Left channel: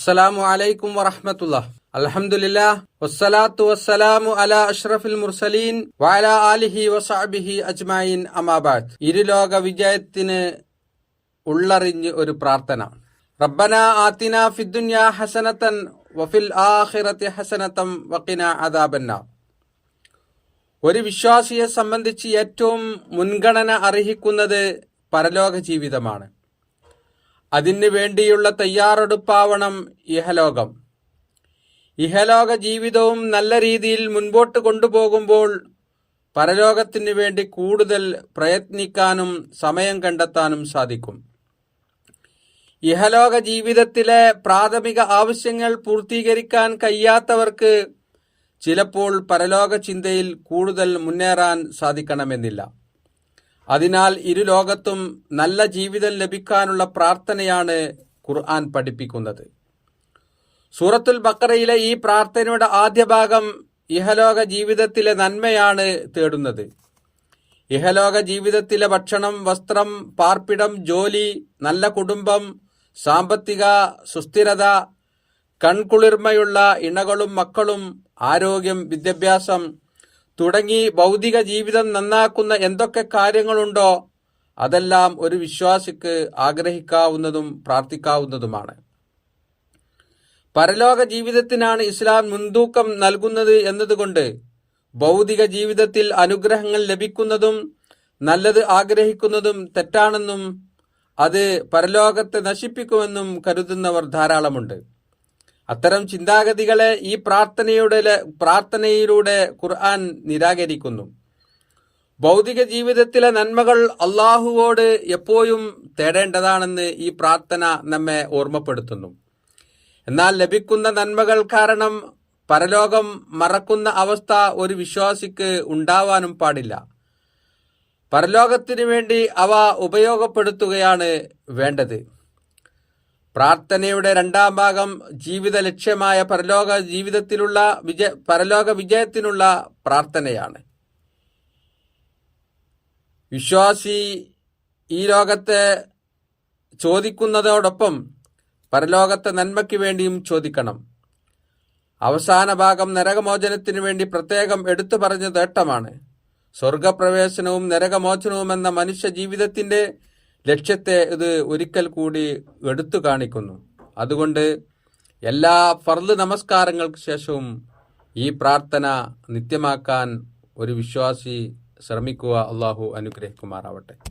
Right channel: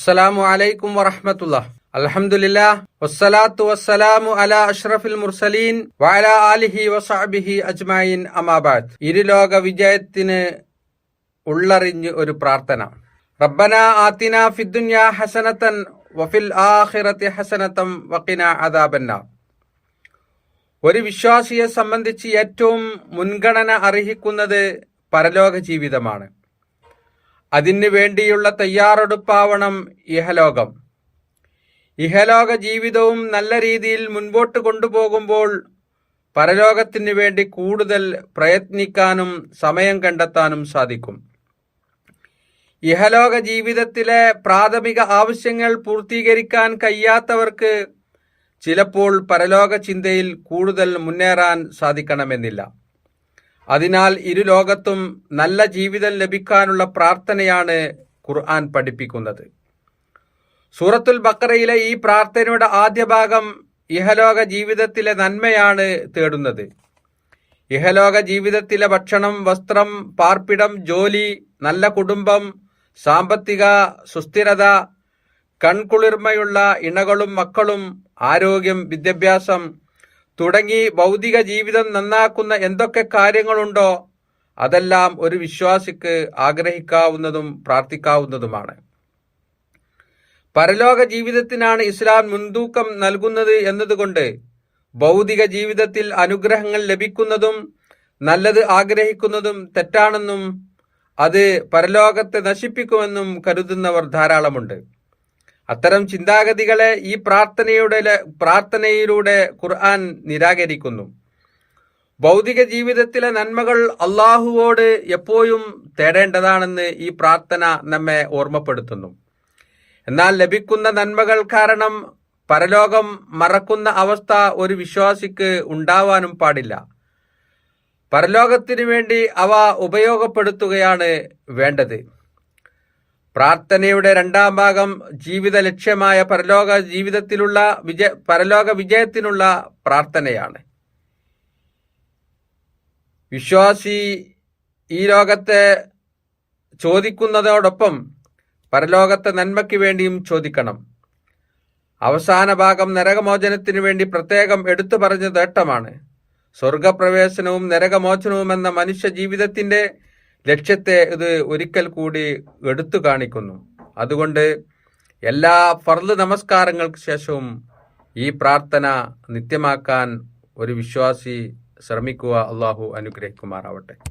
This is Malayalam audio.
അസ്സലാമു അലൈക്കും വറഹമത്തുള്ള വസ്സലാത്തു വസ്സലാമു അഷ്റഫിൽ മുർസലീൻ ആലിഹി വിജയത്തിന് ഉള്ളറിഞ്ഞ് ഒരു പ്രാർത്ഥന. റബ്ബന ആത്തിന ഫിദ്ദുന്യ ഹസനത്തൻ വഫിൽ ആഖിറത്തി ഹസനത്തം വക്കിന അദാബന്ന ഒരു വിശ്വാസിയെ സംബന്ധിച്ച് ഏറ്റവും മുൻഗണന അർഹിക്കുന്നത് പരലോക ജീവിതമാണ്. അതിനു വേണ്ടിയുള്ള തയ്യാറെടുപ്പാവണം ഇഹലോകം. ഇഹലോക ജീവിതവും നല്ല രീതിയിൽ മുൻപോട്ട് കൊണ്ടുപോകുമ്പോൾ പരലോകത്തിന് വേണ്ടി കൂടുതൽ പ്രയത്നിക്കാനും സമയം കണ്ടെത്താനും സാധിക്കും. ഇഹലോക ജീവിതത്തിലെ പ്രാഥമിക ആവശ്യങ്ങൾ പൂർത്തീകരിക്കാൻ കഴിയാത്തവർക്ക് ചിലപ്പോൾ പരലോക ചിന്തയിൽ കൂടുതൽ മുന്നേറാൻ സാധിക്കണമെന്നില്ല. അതിനാൽ ഇരു ലോകത്തും നല്ല ജീവിതം ലഭിക്കാനുള്ള പ്രാർത്ഥനയാണ് ഖുർആൻ പഠിപ്പിക്കുന്നത്. സൂറത്തുൽ ബക്കറയിലെ ഈ പ്രാർത്ഥനയുടെ ആദ്യ ഭാഗം ഇഹലോക ജീവിതത്തിലെ നന്മയാണ് തേടുന്നത്. ഇഹലോക ജീവിതത്തിലെ ഭക്ഷണം വസ്ത്രം പാർപ്പിടം ജോലി നല്ല കുടുംബം സാമ്പത്തിക സുസ്ഥിരത കൺകുളിർമയുള്ള ഇണകളും മക്കളും ആരോഗ്യം വിദ്യാഭ്യാസം തുടങ്ങി ഭൗതിക ജീവിതം നന്നാക്കുന്ന എന്തൊക്കെ കാര്യങ്ങളുണ്ടോ അതെല്ലാം ഒരു വിശ്വാസിക്ക് ആഗ്രഹിക്കാവുന്നതും പ്രാർത്ഥിക്കാവുന്നതുമാണ്. പരലോക ജീവിതത്തിനാണ് ഇസ്ലാം മുൻതൂക്കം നൽകുന്നത് എന്നതുകൊണ്ട് ഭൗതിക ജീവിതത്തിൽ അനുഗ്രഹങ്ങൾ ലഭിക്കുന്നതും നല്ലത് ആഗ്രഹിക്കുന്നതും തെറ്റാണെന്നും അത് പരലോകത്തെ നശിപ്പിക്കുമെന്നും കരുതുന്നവർ ധാരാളമുണ്ട്. അത്തരം ചിന്താഗതികളെ ഈ പ്രാർത്ഥനയുടെ പ്രാർത്ഥനയിലൂടെ ഖുർആൻ നിരാകരിക്കുന്നു. ഭൗതിക ജീവിതത്തിലെ നന്മകൾ അള്ളാഹുവോട് എപ്പോഴും തേടേണ്ടതാണെന്ന് ഈ പ്രാർത്ഥന നമ്മെ ഓർമ്മപ്പെടുത്തുന്നു. എന്നാൽ ലഭിക്കുന്ന നന്മകൾ കാരണം പരലോകം മറക്കുന്ന അവസ്ഥ ഒരു വിശ്വാസിക്ക് ഉണ്ടാവാനും പാടില്ല. പരലോകത്തിനു വേണ്ടി അവ ഉപയോഗപ്പെടുത്തുകയാണ് വേണ്ടത്. പ്രാർത്ഥനയുടെ രണ്ടാം ഭാഗം ജീവിത ലക്ഷ്യമായ പരലോക ജീവിതത്തിലുള്ള വിജയ പരലോക വിജയത്തിനുള്ള പ്രാർത്ഥനയാണ്. വിശ്വാസി ഈ ലോകത്തെ ചോദിക്കുന്നതോടൊപ്പം പരലോകത്തെ നന്മയ്ക്ക് വേണ്ടിയും ചോദിക്കണം. അവസാന ഭാഗം നരകമോചനത്തിനു വേണ്ടി പ്രത്യേകം എടുത്തു പറഞ്ഞ നേട്ടമാണ് സ്വർഗപ്രവേശനവും നരകമോചനവും എന്ന മനുഷ്യ ജീവിതത്തിന്റെ ലക്ഷ്യത്തെ ഇത് ഒരിക്കൽ കൂടി എടുത്തു കാണിക്കുന്നു. അതുകൊണ്ട് എല്ലാ ഫർദ് നമസ്കാരങ്ങൾക്ക് ശേഷവും ഈ പ്രാർത്ഥന നിത്യമാക്കാൻ ഒരു വിശ്വാസി ശ്രമിക്കുക. അള്ളാഹു അനുഗ്രഹിക്കുമാറാവട്ടെ.